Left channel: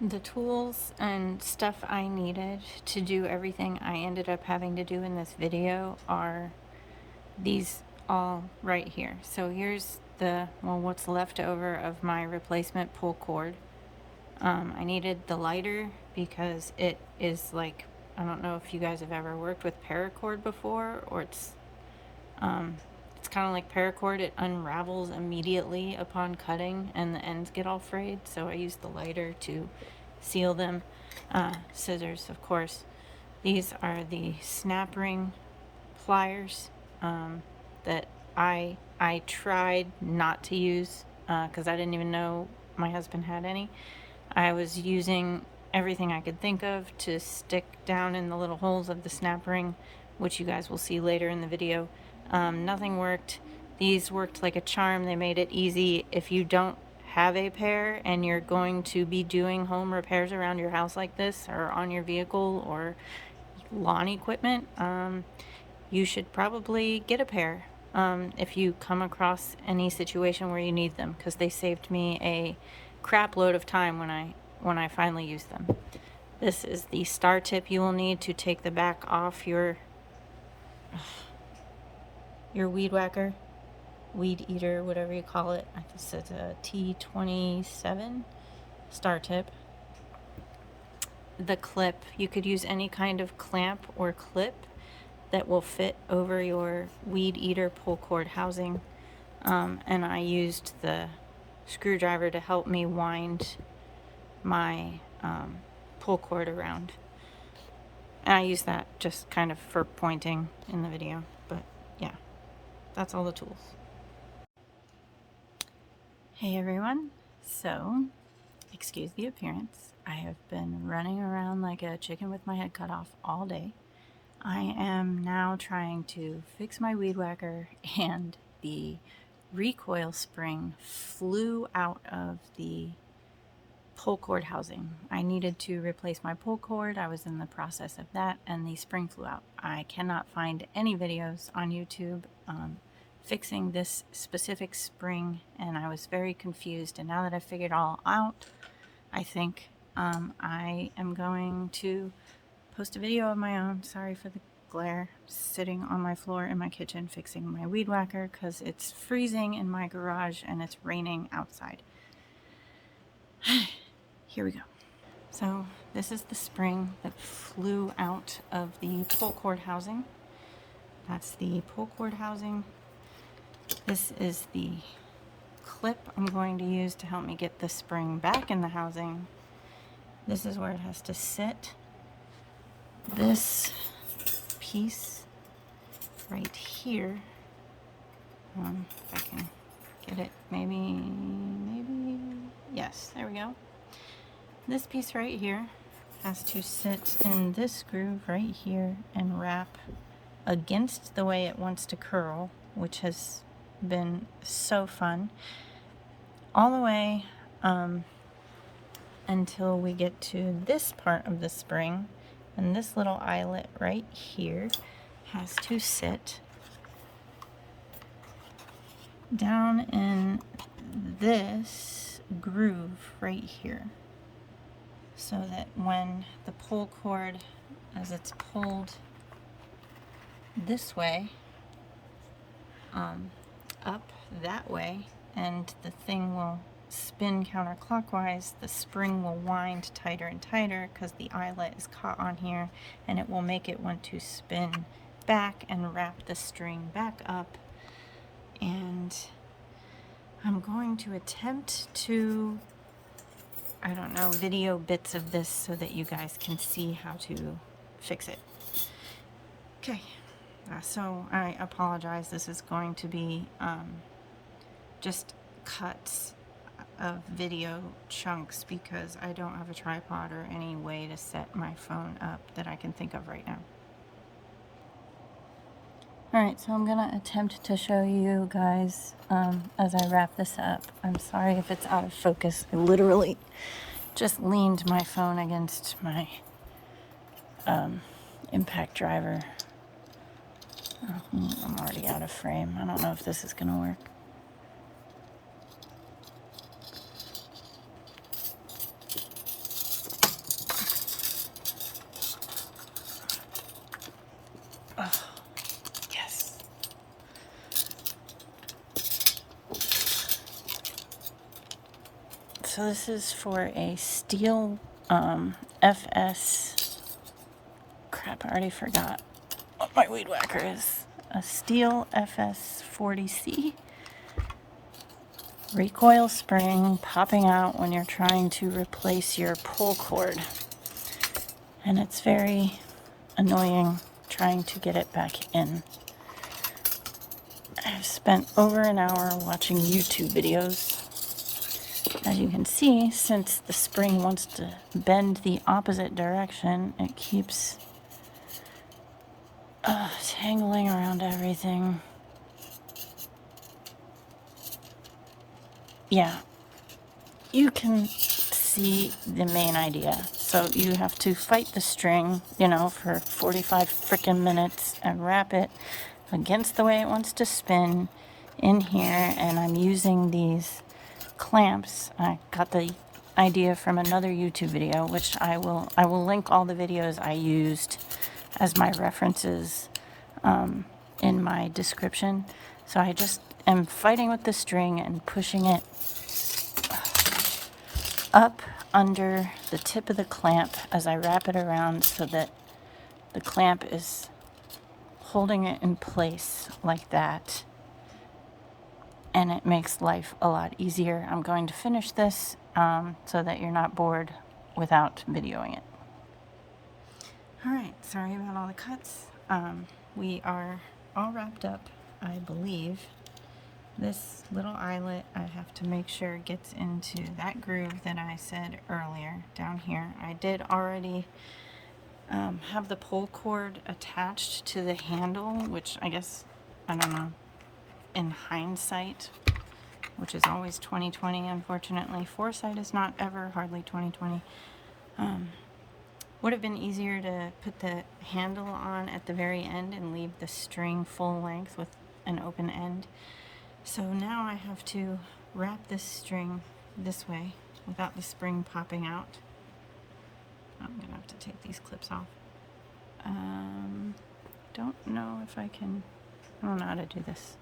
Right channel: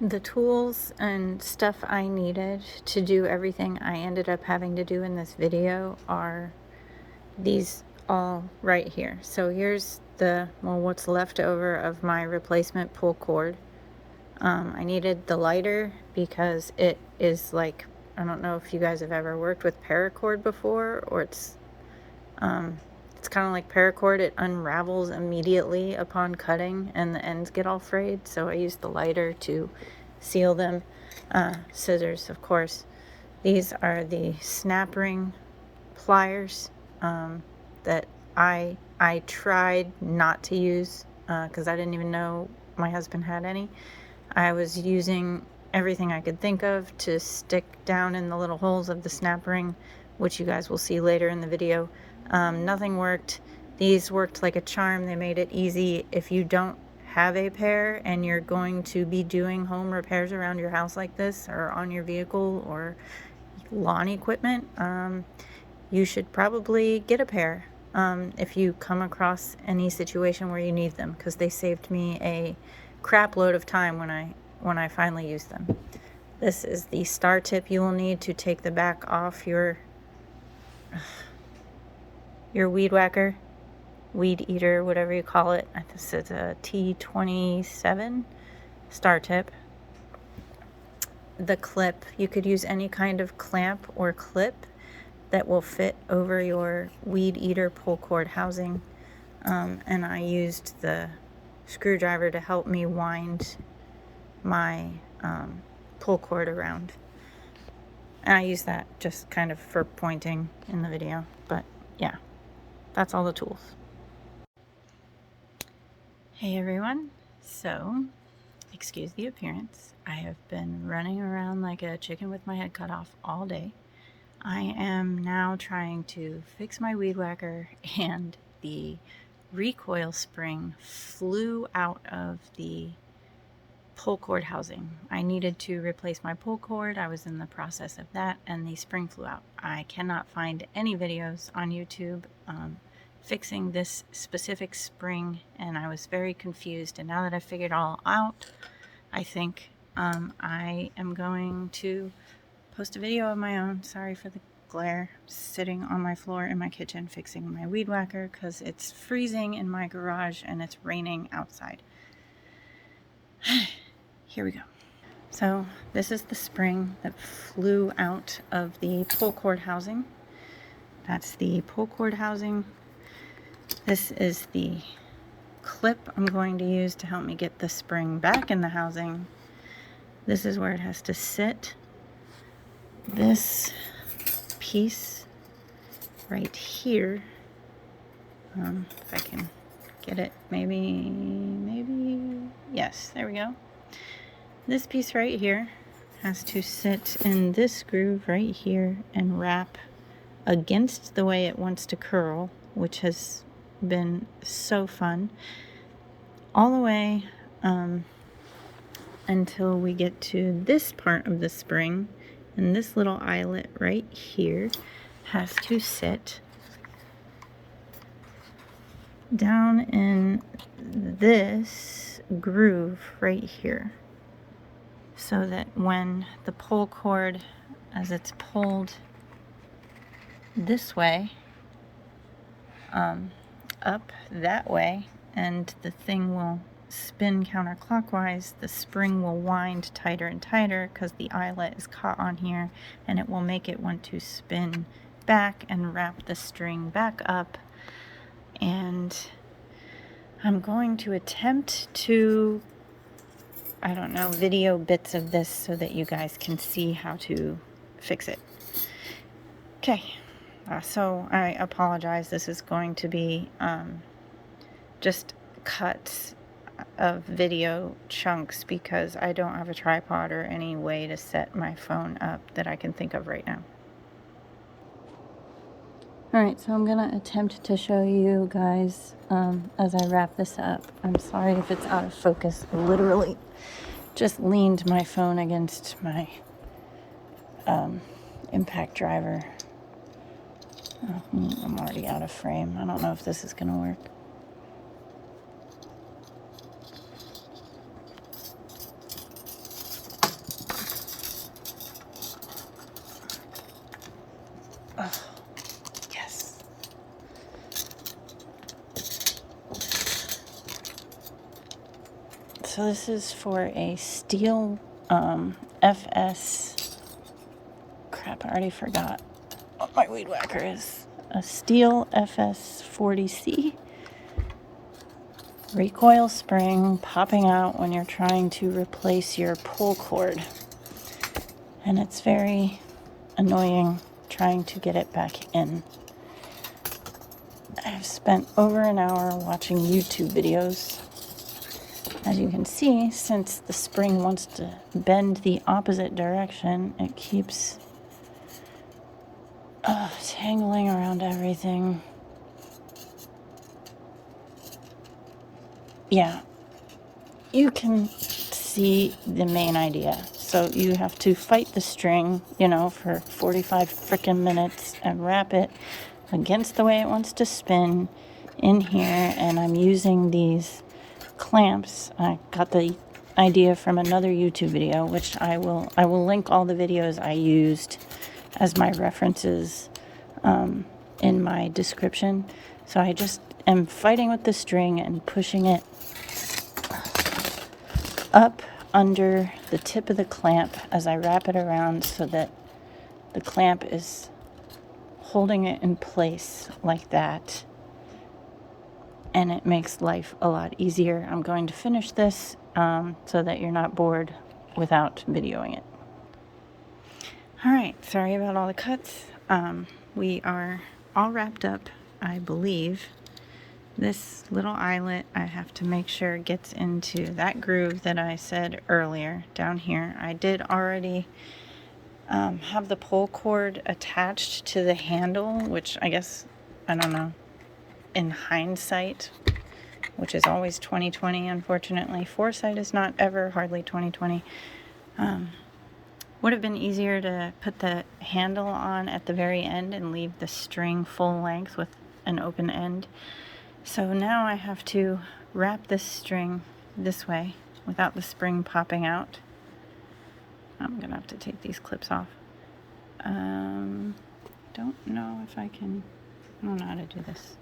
The tools and stuff I needed to do everything I ended up having to do in this video are these all right here. So here's what's left over of my replacement pull cord. I needed the lighter because it is like, I don't know if you guys have ever worked with paracord before, or it's kind of like paracord. It unravels immediately upon cutting and the ends get all frayed. So I used the lighter to seal them. Scissors, of course. These are the snap ring pliers that I tried not to use because I didn't even know my husband had any. I was using everything I could think of to stick down in the little holes of the snap ring, which you guys will see later in the video. Nothing worked. These worked like a charm. They made it easy. If you don't have a pair and you're going to be doing home repairs around your house like this, or on your vehicle or lawn equipment, you should probably get a pair if you come across any situation where you need them, because they saved me a crap load of time when I finally used them. This is the star tip you will need to take the back off your weed whacker, weed eater, whatever you call it. This is a T27 star tip. The clip, you could use any kind of clamp or clip that will fit over your weed eater pull cord housing. And I used the screwdriver to help me wind my pull cord around. And I use that just kind of for pointing in the video, but yeah, that's all the tools. Hey everyone, so excuse the appearance. I have been running around like a chicken with my head cut off all day. I am now trying to fix my weed whacker, and the recoil spring flew out of the pull cord housing. I needed to replace my pull cord. I was in the process of that, and the spring flew out. I cannot find any videos on YouTube fixing this specific spring, and I was very confused. And now that I've figured it all out, I think I am going to post a video of my own. Sorry for the glare. Sitting on my floor in my kitchen fixing my weed whacker because it's freezing in my garage and it's raining outside. Here we go. So this is the spring that flew out of the pull cord housing. That's the pull cord housing. This is the clip I'm going to use to help me get the spring back in the housing. This is where it has to sit. This piece right here, if I can get it, maybe, yes, there we go. This piece right here has to sit in this groove right here and wrap against the way it wants to curl, which has been so fun, all the way until we get to this part of the spring. And this little eyelet right here has to sit down in this groove right here, so that when the pull cord, as it's pulled this way, up that way, and the thing will spin counterclockwise, the spring will wind tighter and tighter because the eyelet is caught on here, and it will make it want to spin back and wrap the string back up. And I'm going to attempt to, I don't know, video bits of this so that you guys can see how to fix it. Okay, so I apologize. This is going to be just cuts of video chunks because I don't have a tripod or any way to set my phone up that I can think of right now. Alright, so I'm gonna attempt to show you guys as I wrap this up. I'm sorry if it's out of focus. I literally just leaned my phone against my impact driver. I'm already out of frame. I don't know if this is gonna work. so this is for a Stihl FS, crap, I already forgot what my weed whacker is. A Stihl FS 40C recoil spring popping out when you're trying to replace your pull cord. And it's very annoying trying to get it back in. I've spent over an hour watching YouTube videos. As you can see, since the spring wants to bend the opposite direction, it keeps tangling around everything. Yeah, you can see the main idea. So you have to fight the string, you know, for 45 frickin' minutes and wrap it against the way it wants to spin in here. And I'm using these clamps. I got the idea from another YouTube video, which I will link all the videos I used as my references in my description. So I just am fighting with the string and pushing it up under the tip of the clamp as I wrap it around so that the clamp is holding it in place like that, and it makes life a lot easier. I'm going to finish this so that you're not bored without videoing it. Alright, sorry about all the cuts. We are all wrapped up, I believe. This little eyelet, I have to make sure gets into that groove that I said earlier down here. I did already have the pull cord attached to the handle, which I guess, I don't know, in hindsight, which is always 2020, unfortunately. Foresight is not ever hardly 2020. Would have been easier to put the handle on at the very end and leave the string full length with an open end. So now I have to wrap this string this way without the spring popping out. I'm gonna have to take these clips off. Don't know if I can, I don't know how to do this.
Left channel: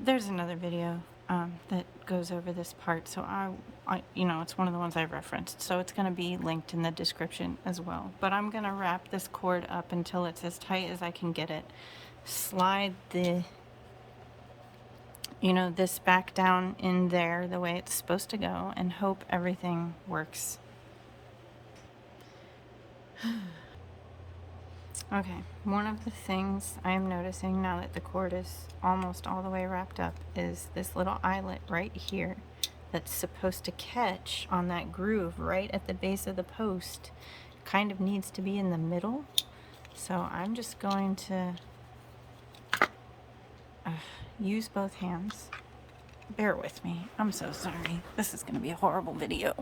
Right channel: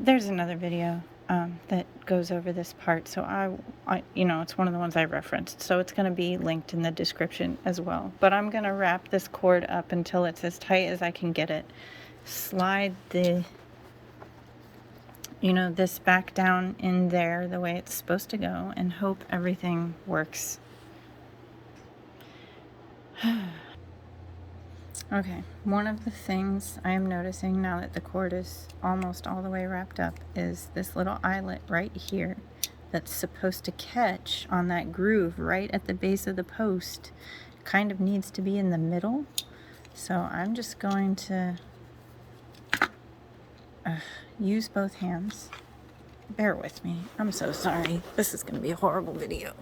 There's another video that goes over this part, so I you know, it's one of the ones I referenced, so it's gonna be linked in the description as well. But I'm gonna wrap this cord up until it's as tight as I can get it. Slide the, you know, this back down in there the way it's supposed to go and hope everything works. Okay, one of the things I am noticing now that the cord is almost all the way wrapped up is this little eyelet right here that's supposed to catch on that groove right at the base of the post. Kind of needs to be in the middle. So I'm just going to use both hands. Bear with me. I'm so sorry. This is going to be a horrible video.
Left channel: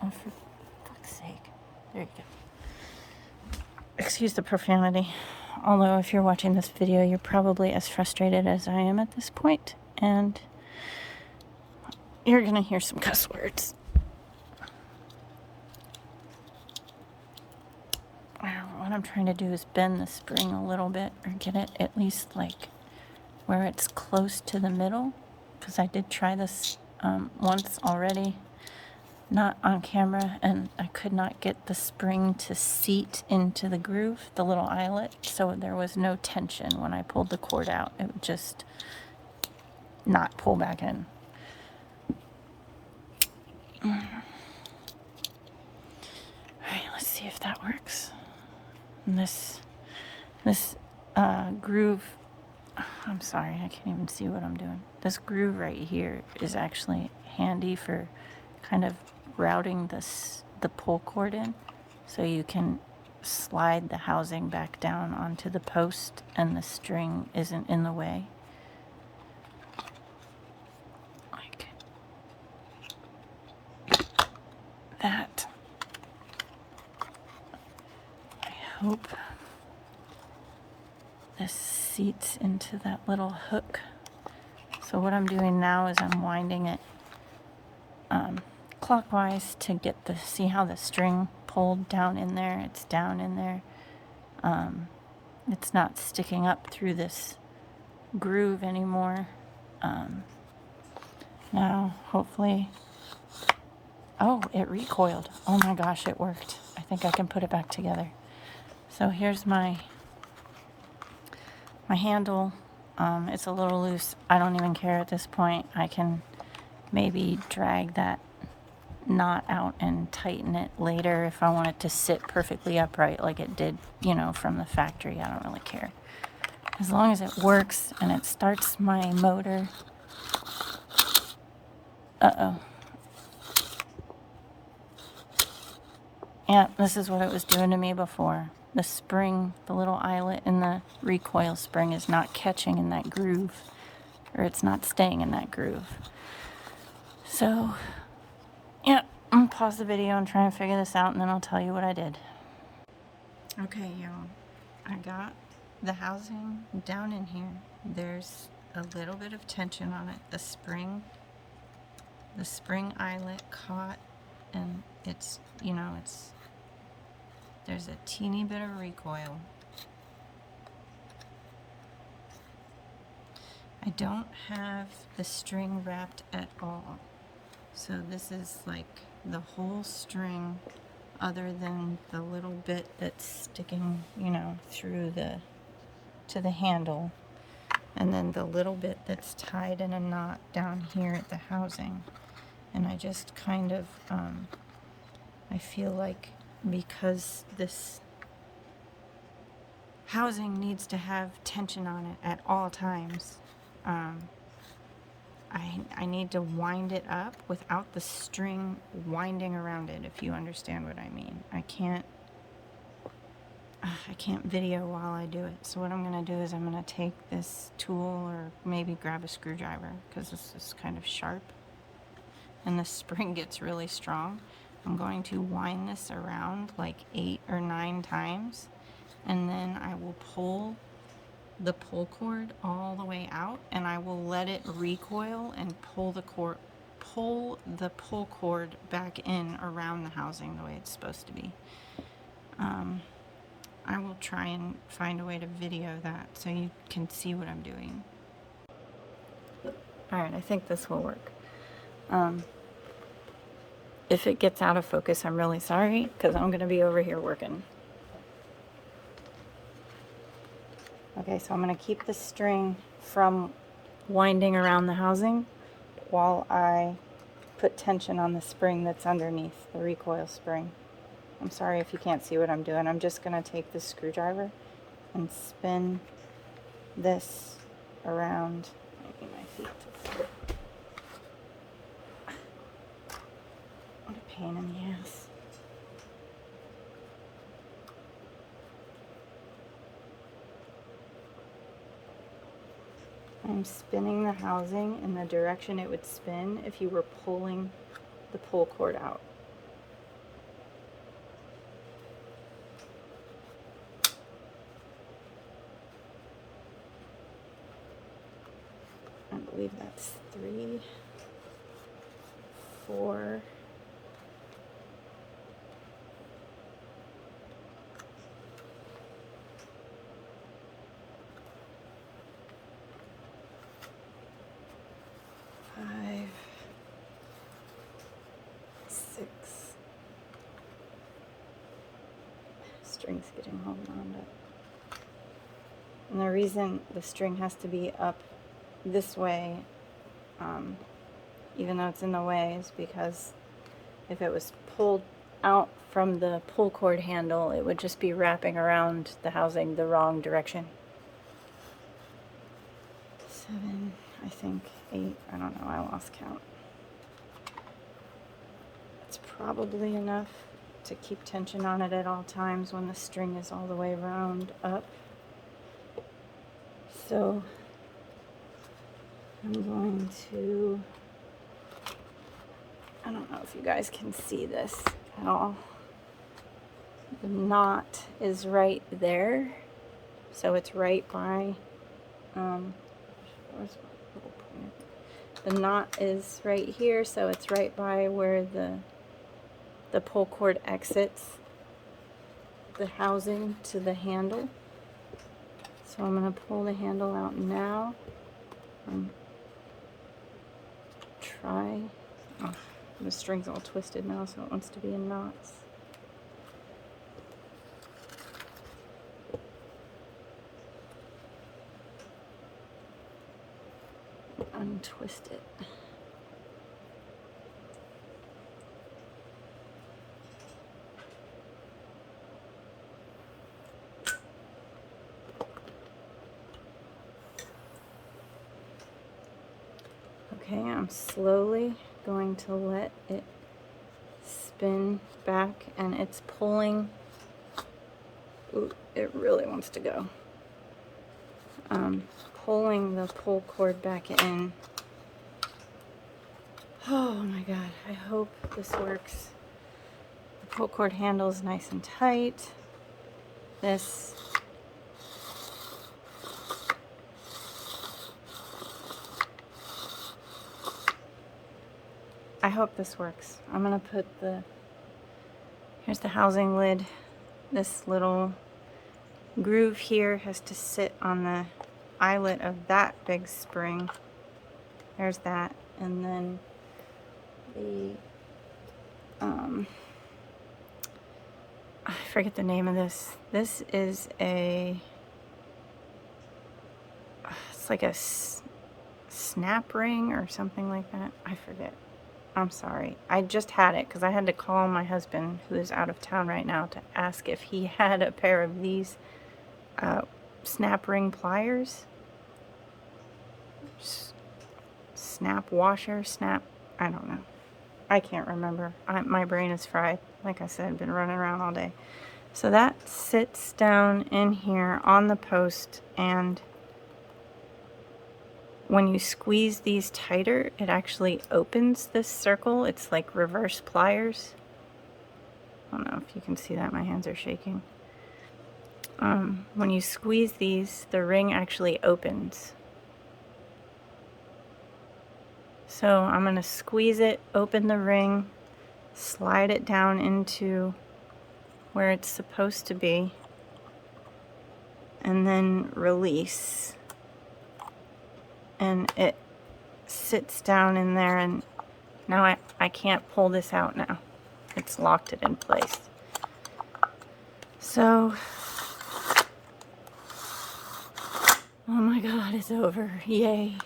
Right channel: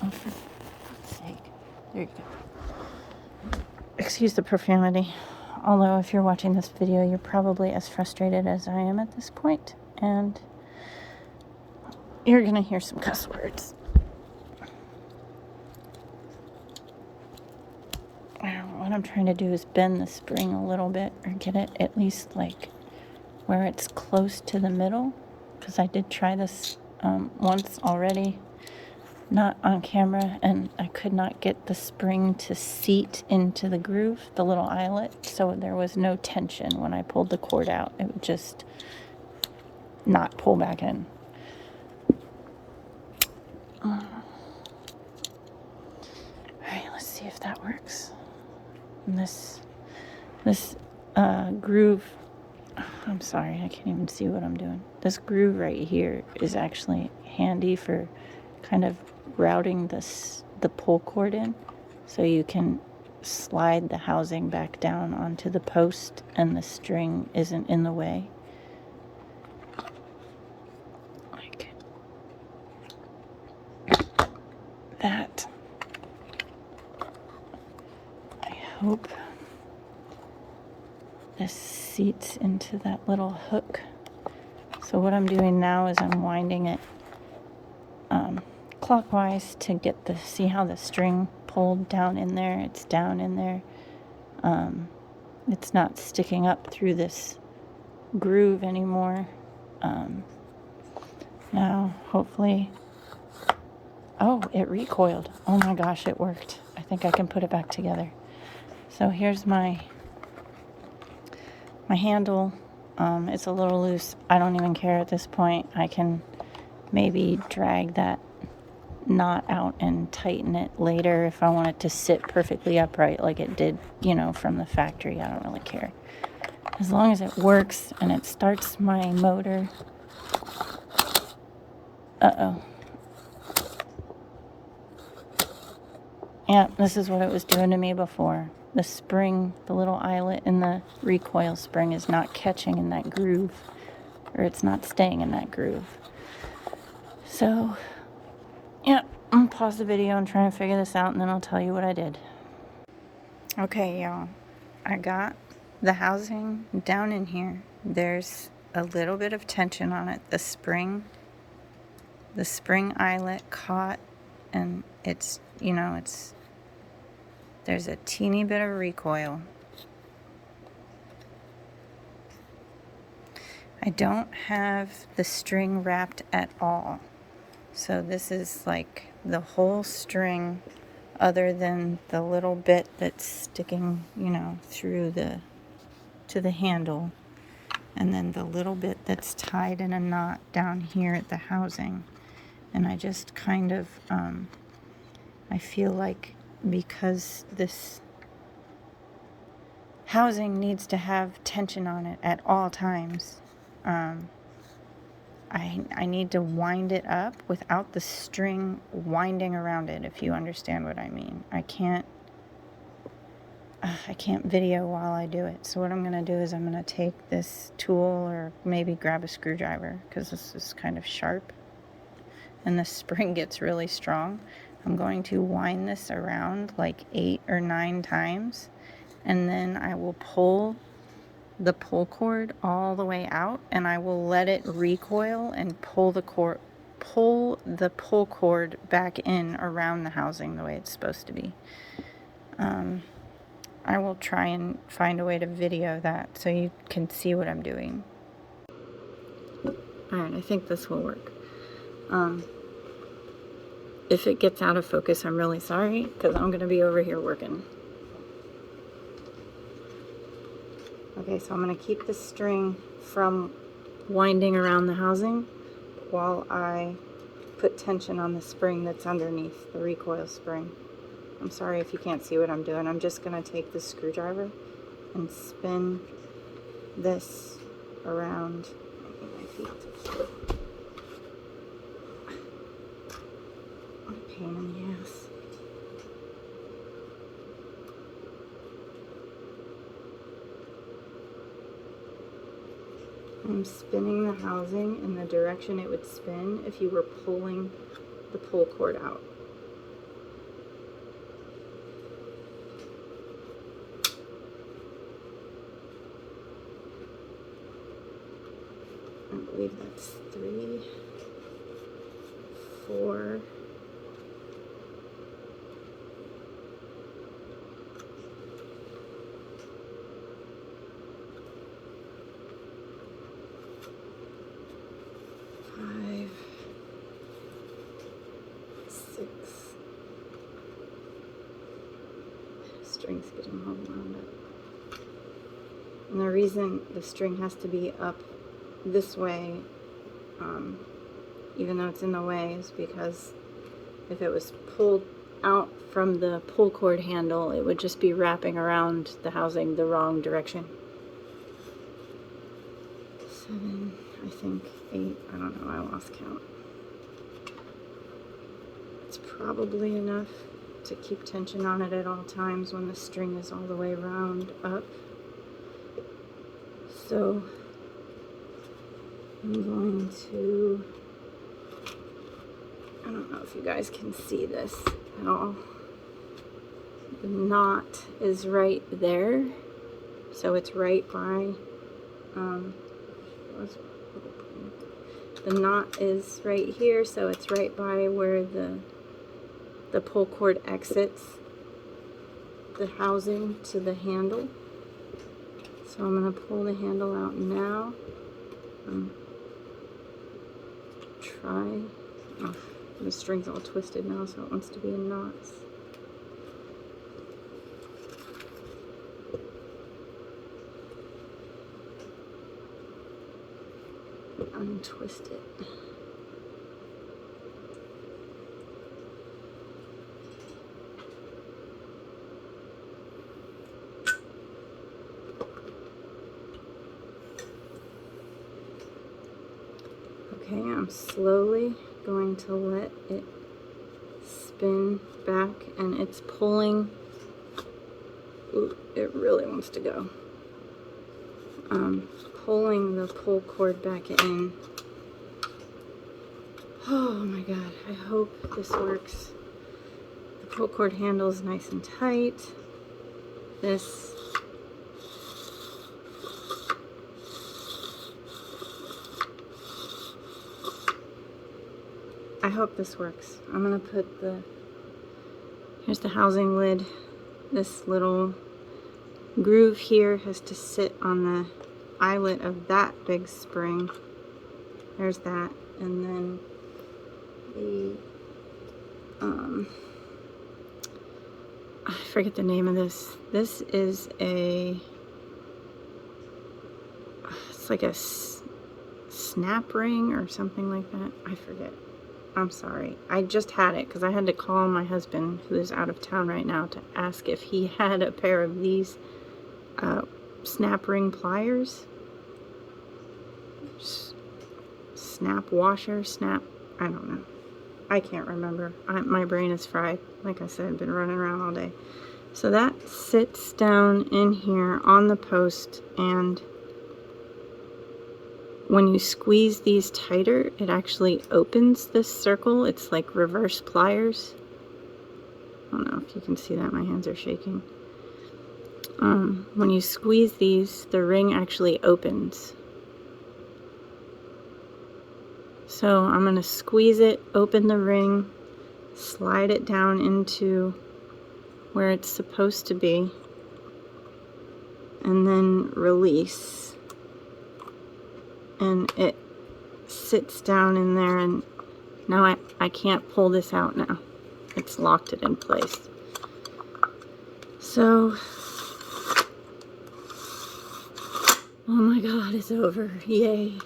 Oh, for fuck's sake. There you go. Excuse the profanity. Although if you're watching this video, you're probably as frustrated as I am at this point, and you're going to hear some cuss words. What I'm trying to do is bend the spring a little bit or get it at least like where it's close to the middle, because I did try this once already, not on camera, and I could not get the spring to seat into the groove, the little eyelet, so there was no tension when I pulled the cord out. It would just not pull back in. Alright, let's see if that works. And this groove, I'm sorry, I can't even see what I'm doing. This groove right here is actually handy for kind of routing the pull cord in, so you can slide the housing back down onto the post and the string isn't in the way. Like that. I hope this seats into that little hook. So what I'm doing now is I'm winding it clockwise to get see how the string pulls pulled down in there. It's down in there. It's not sticking up through this groove anymore. Now, hopefully... Oh, it recoiled. Oh my gosh, it worked. I think I can put it back together. So here's my handle. It's a little loose. I don't even care at this point. I can maybe drag that knot out and tighten it later if I want it to sit perfectly upright like it did, you know, from the factory. I don't really care. As long as it works and it starts my motor. Uh-oh. Yeah, this is what it was doing to me before. The spring, the little eyelet in the recoil spring is not catching in that groove, or it's not staying in that groove. So, yeah, I'm gonna pause the video and try and figure this out, and then I'll tell you what I did. Okay, y'all, I got the housing down in here. There's a little bit of tension on it. The spring eyelet caught, and it's, you know, there's a teeny bit of recoil. I don't have the string wrapped at all. So this is like the whole string, other than the little bit that's sticking, you know, through to the handle, and then the little bit that's tied in a knot down here at the housing. And I just kind of, I feel like because this housing needs to have tension on it at all times, I need to wind it up without the string winding around it, if you understand what I mean. I can't video while I do it. So what I'm going to do is I'm going to take this tool, or maybe grab a screwdriver, because this is kind of sharp and the spring gets really strong. I'm going to wind this around like 8 or 9 times, and then I will pull the pull cord all the way out, and I will let it recoil and pull the pull cord back in around the housing the way it's supposed to be. I will try and find a way to video that so you can see what I'm doing. Alright, I think this will work. If it gets out of focus, I'm really sorry, because I'm going to be over here working. Okay, so I'm going to keep the string from winding around the housing while I put tension on the spring that's underneath, the recoil spring. I'm sorry if you can't see what I'm doing. I'm just going to take the screwdriver and spin this around. Maybe my feet. What a pain in the ass. I'm spinning the housing in the direction it would spin if you were pulling the pull cord out. I believe that's 3, 4, 5, 6. String's getting all wound up. And the reason the string has to be up this way, even though it's in the way, is because if it was pulled out from the pull cord handle, it would just be wrapping around the housing the wrong direction. 7, I think 8, I don't know, I lost count. It's probably enough to keep tension on it at all times when the string is all the way around up. So I'm going to, I don't know if you guys can see this at all. The knot is right there, so it's right by, the knot is right here, so it's right by where the pull cord exits the housing to the handle. So I'm going to pull the handle out now. Try. Oh, the string's all twisted now, so it wants to be in knots. Untwist it. Okay, I'm slowly going to let it spin back, and it's pulling. Ooh, it really wants to go. Pulling the pull cord back in. Oh my god, I hope this works. The pull cord handle is nice and tight. This I hope this works. I'm gonna put here's the housing lid. This little groove here has to sit on the eyelet of that big spring. There's that, and then the I forget the name of this. This is it's like a snap ring or something like that. I forget. I'm sorry. I just had it because I had to call my husband, who is out of town right now, to ask if he had a pair of these snap ring pliers. Snap washer, I don't know. I can't remember. My brain is fried. Like I said, I've been running around all day. So that sits down in here on the post, and when you squeeze these tighter, it actually opens this circle. It's like reverse pliers. I don't know if you can see that. My hands are shaking. When you squeeze these, the ring actually opens. So I'm going to squeeze it, open the ring, slide it down into where it's supposed to be, and then release. And it sits down in there, and now I can't pull this out now. It's locked it in place. So, oh my god, it's over. Yay.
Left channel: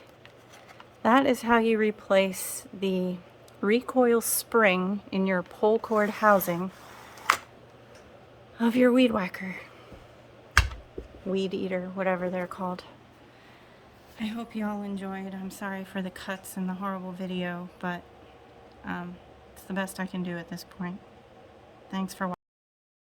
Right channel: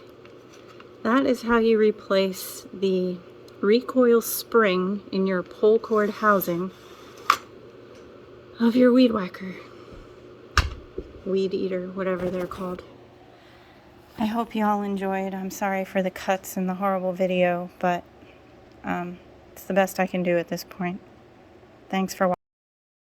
That is how you replace the recoil spring in your pull cord housing of your weed whacker. Weed eater, whatever they're called. I hope you all enjoyed. I'm sorry for the cuts and the horrible video, but it's the best I can do at this point. Thanks for watching.